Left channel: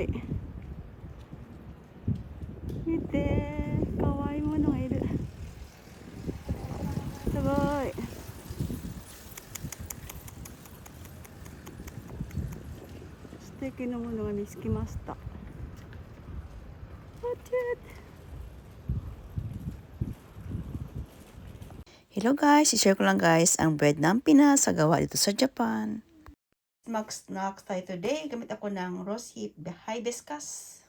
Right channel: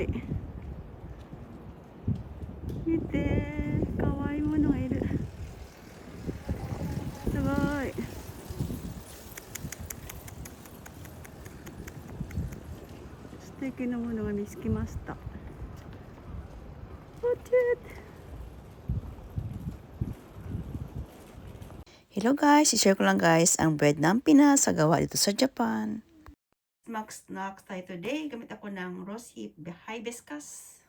い。見て、かわいいものがいる。すごい。素敵なものが見つけました。Hello guys, i-share ko lang guys ang bread ng Pinas sa gawa dito sa Japan. Mag-snack tayo today. Gamit ako ng rose hip hibiscus.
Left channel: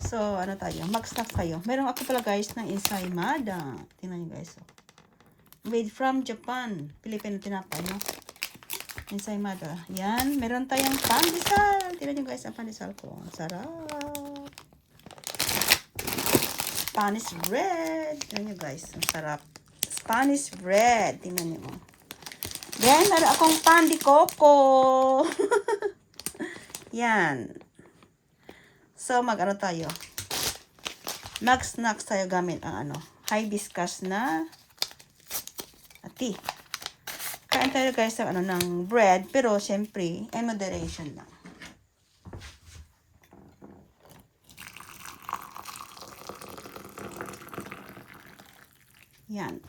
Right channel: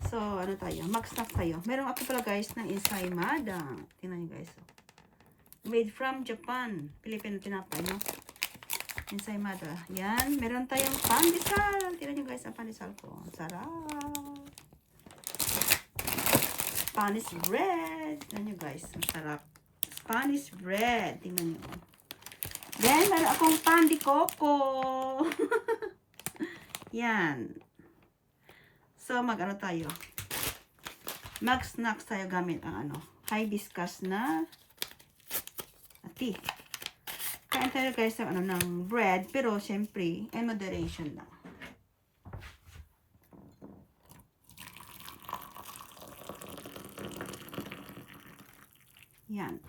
So, ano tayo? Mag-snack tayo. Meron ako pala guys ng ensaymada. Tingnan nyo guys. Made from Japan. Philippine tinapay, no? Ensaymada. Yan. Meron tayong pandesal. Tingnan nyo guys ang pandesal ko. Sarap. Spanish bread. Tingnan nyo guys. Ang sarap. Spanish bread. Tingnan nyo. Then, meron akong pan de coco. Yan. So, mag-ano tayo? Mag-snacks tayo gamit ang hibiscus na tea. Kain tayo guys ng bread, pero syempre, in moderation lang. Yan.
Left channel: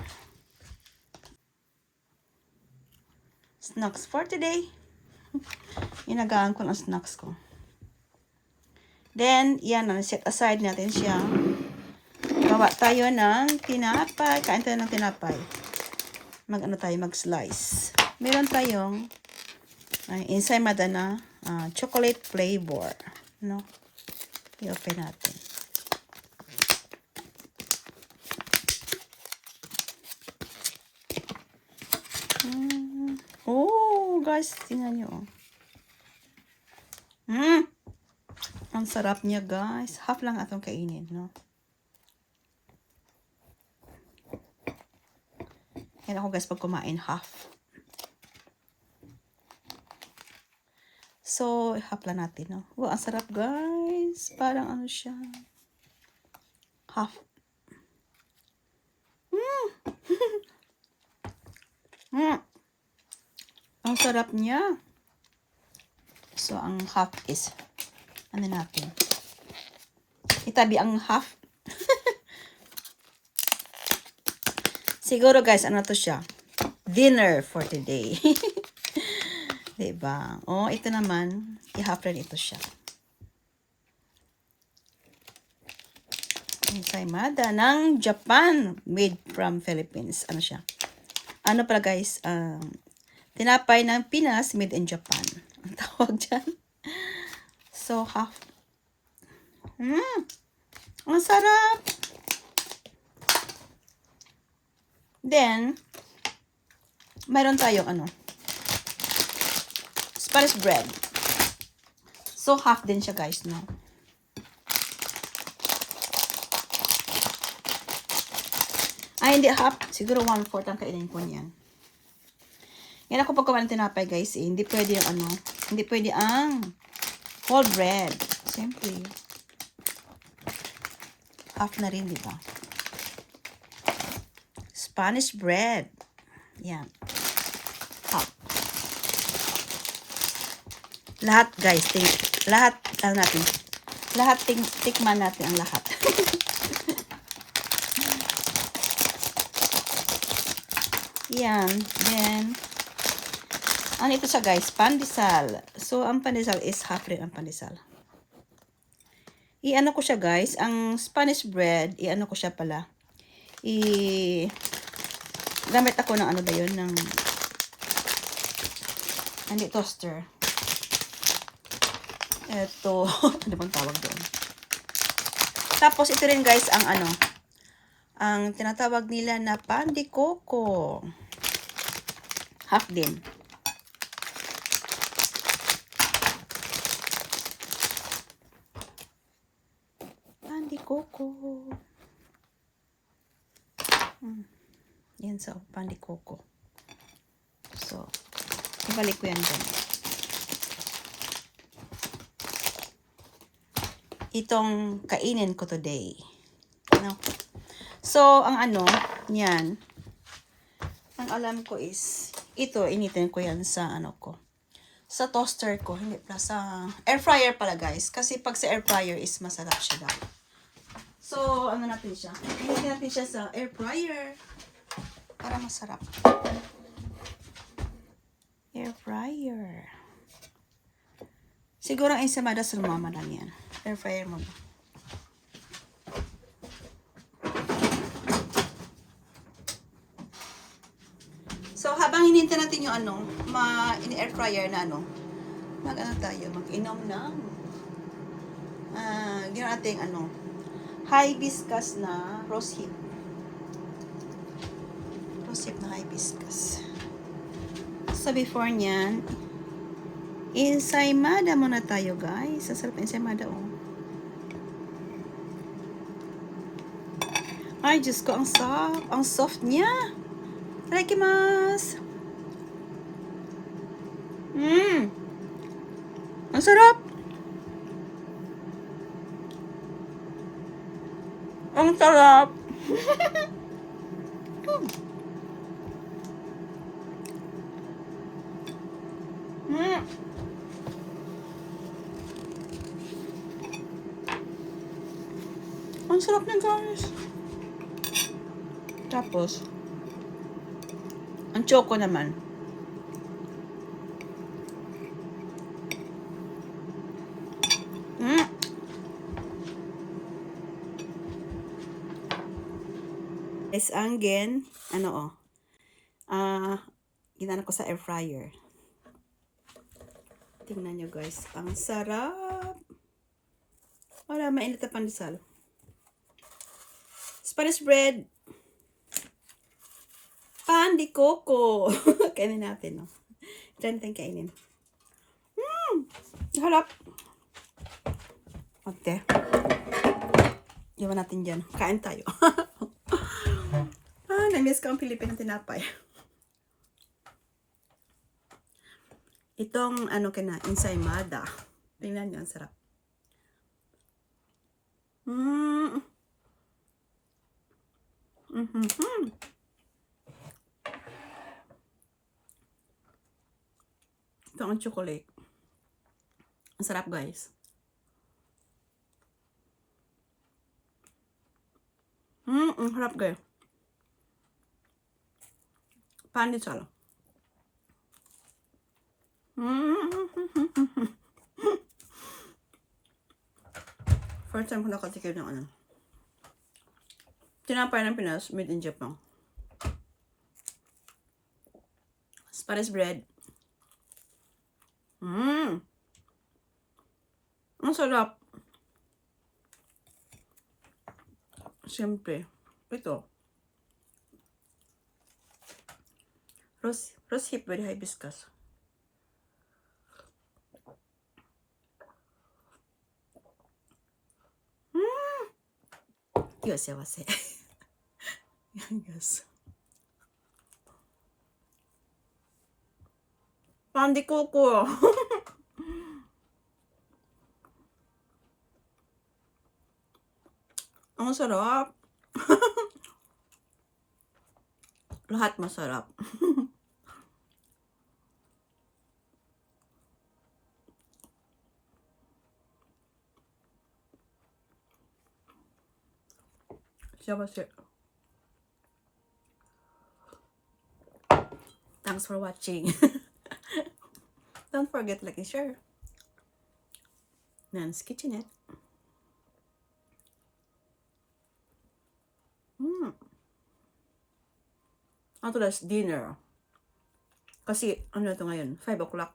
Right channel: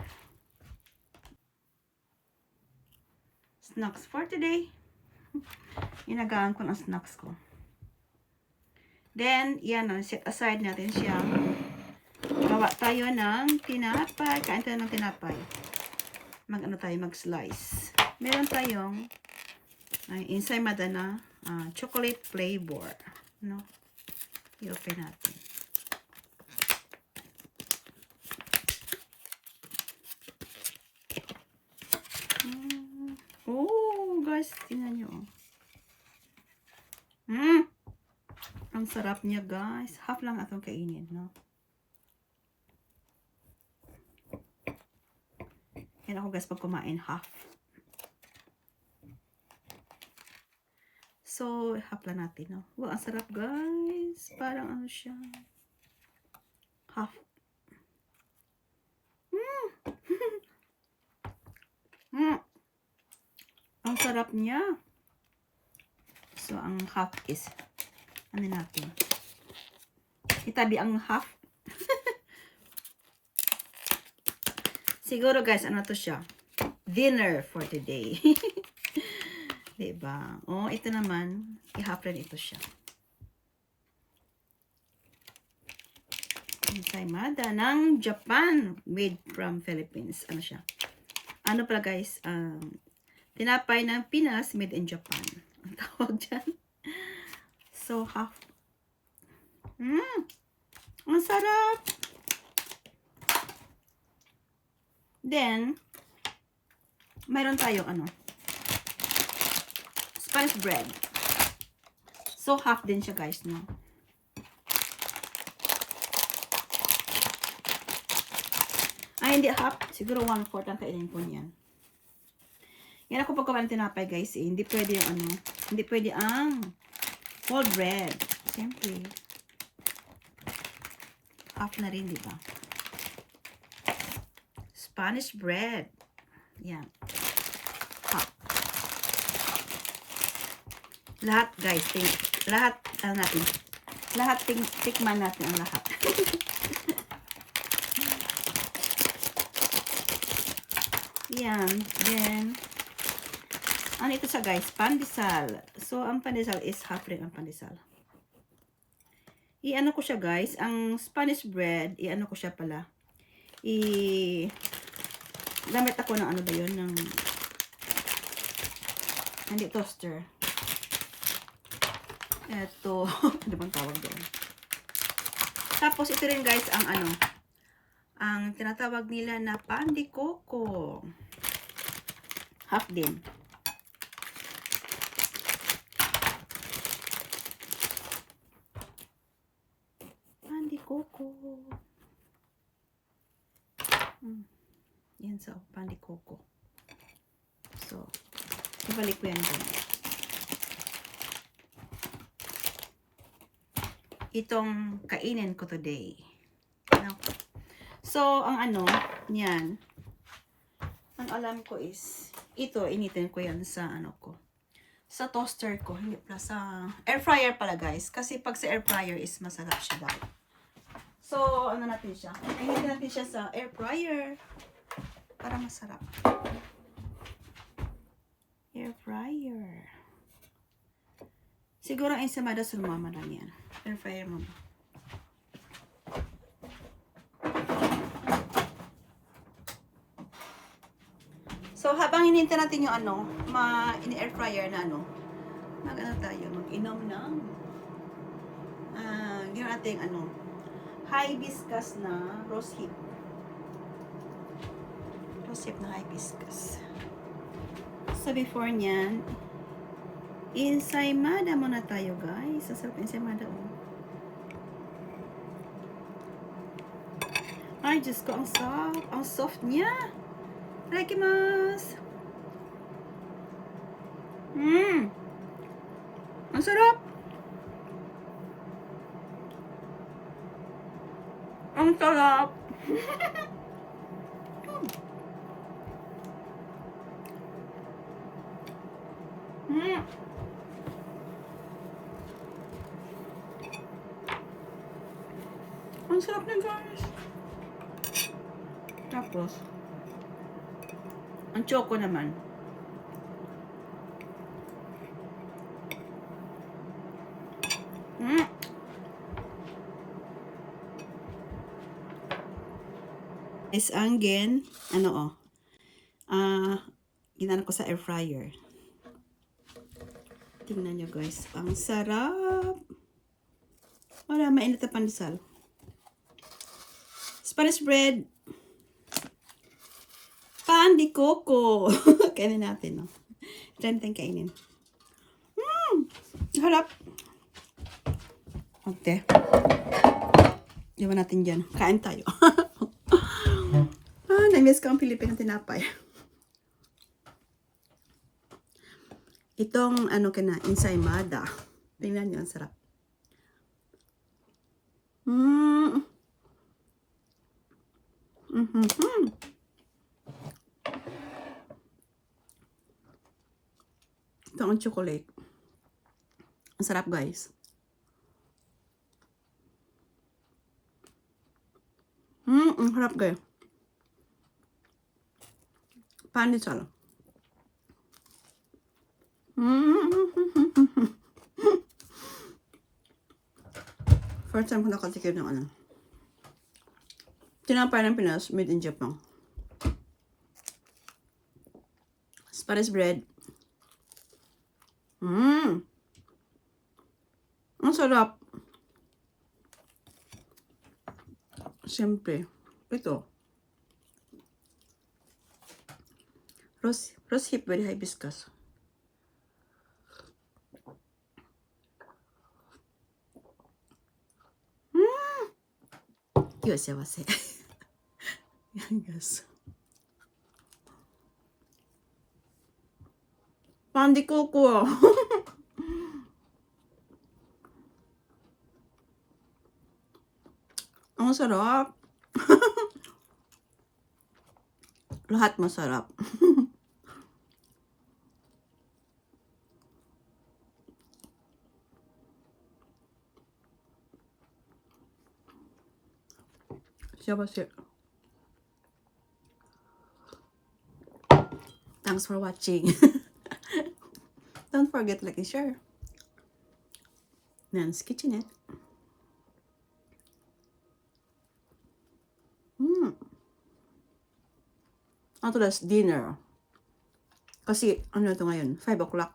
Snacks for today. Inagaan ko ng snacks ko. Then, yan, set aside natin siyang gawa tayo ng tinapay. Kain tayo ng tinapay. Mag-slice. Meron tayong ensaymada na chocolate flavor. No? I-open natin. Oh, guys, tingnan nyo. Ang sarap niya, guys. Half lang atong kainin, no? Yan ako, guys, pag kumain, half. So, half lang natin, no? Wow, ang sarap, guys. Parang ano siya. Half. Ang sarap niya. So, ang half is ano natin? Itabi ang half. Siguro guys, ano to siya? Dinner for today. Diba? Oh, ito naman, i-half rin ito siya. Ensaymada ng Japan, made from Philippines. Ano siya? Ano pala guys? Tinapay ng Pinas, made in Japan. Ang tawag dyan. So, half. Ang sarap. Then, mayroon tayong Spanish bread. So, half din siya guys, no? Ay, hindi half. Siguro 1/4 ang kainin ko niyan. Yan ako pag kumain ng tinapay guys, hindi pwede ang hindi pwede ang whole bread. Siyempre. Half na rin, diba? Spanish bread. Yan. Half. Lahat guys, lahat natin. Lahat tikman natin ang lahat. Yan. Then, ano ito siya guys? Pandesal. So, ang pandesal is half rin ang pandesal. I-ano ko siya guys. Ang Spanish bread, i-ano ko siya pala. Gamit ako ng ano ba yun? Hindi toaster. Ito. Ano bang tawag doon? Tapos, ito rin guys ang ang tinatawag nila na pan de coco. Half din. Pan de coco. Yan sa pan de coco. So, ibalik ko yan dun. Itong kainin ko today. No? So, ang yan. Ang alam ko is, ito, initin ko yan sa ko. sa toaster ko, hindi pala sa air fryer pala guys. Kasi pag sa air fryer is masarap siya daw. So, ano natin siya? Pinitin natin siya sa air fryer para masarap. Air fryer. Siguro ang ensamada sa mama lang yan. Air fryer mo ba? So, habang hinihintay natin yung ano, in-air fryer na ano, mag-ano tayo, mag-inom ng gano'n natin ano, hibiscus na rose hip. Rose hip na hibiscus. So, before nyan, ensaymada muna tayo, guys. Sasarap ensaymada, oh. Ay, Diyos ko, ang soft niya. Itadakimasu. Ang sarap. Ang sarap. Ang sarap na, guys. Tapos, ang choco naman. Is angin, ano ginana ko sa air fryer. Tingnan nyo guys, ang sarap. Wala, mainit na pandesal. Spanish bread. Pan de coco. Kainin natin, no? Try natin kainin. Harap. Okay. Iwan natin dyan. Kain tayo. Na-miss ko ang Pilipinang tinapay. Itong, ano ka na, ensaymada. Tingnan nyo, ang sarap. Ito ang chocolate. Ang sarap, guys. Ang sarap, guys. Pandesal. First time ko nakatikim ng ano. Tinapay ng Pinas, made in Japan. Spanish bread. Ang sarap. Siyempre. Ito. Rose hip with hibiscus. Yosewase. Yan guys. Pan de coco. Ang sarap. Lahat masarap. Thanks for watching. Don't forget to like and share. Nan's Kitchenette. Ito last dinner. Kasi, ano ito ngayon? 5 o'clock.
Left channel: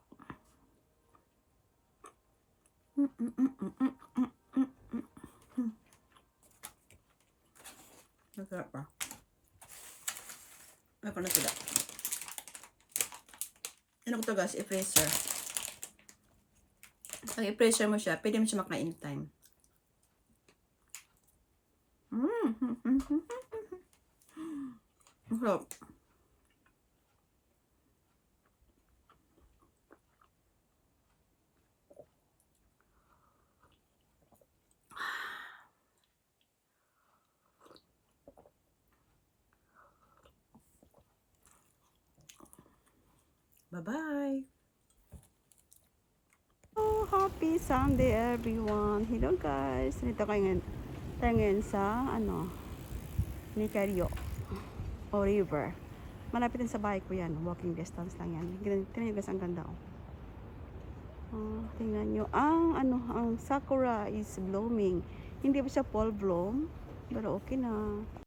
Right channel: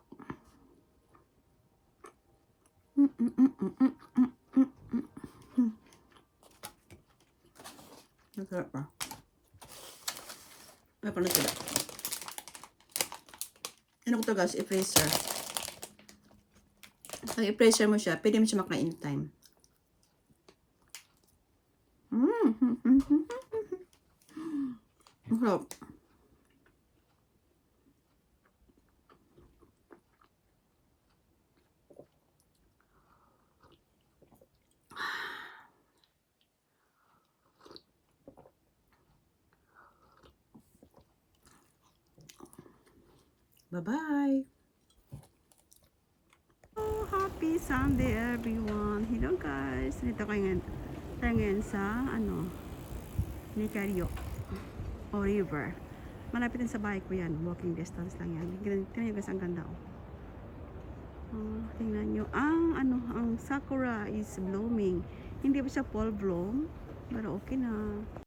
Nasarap pa. May pa na sila. Ano ko ito guys? I-freezer. Pag i-freezer mo siya, pwede mo siya makain anytime. Masarap. Bye-bye. Happy Sunday everyone. Hello guys. Dito tayo ngayon sa Nicario o River. Malapit din sa bahay ko yan. Walking distance lang yan. Tingnan nyo guys, ang ganda oh. Tingnan nyo. Ang sakura is blooming. Hindi pa siya full bloom. Pero okay na.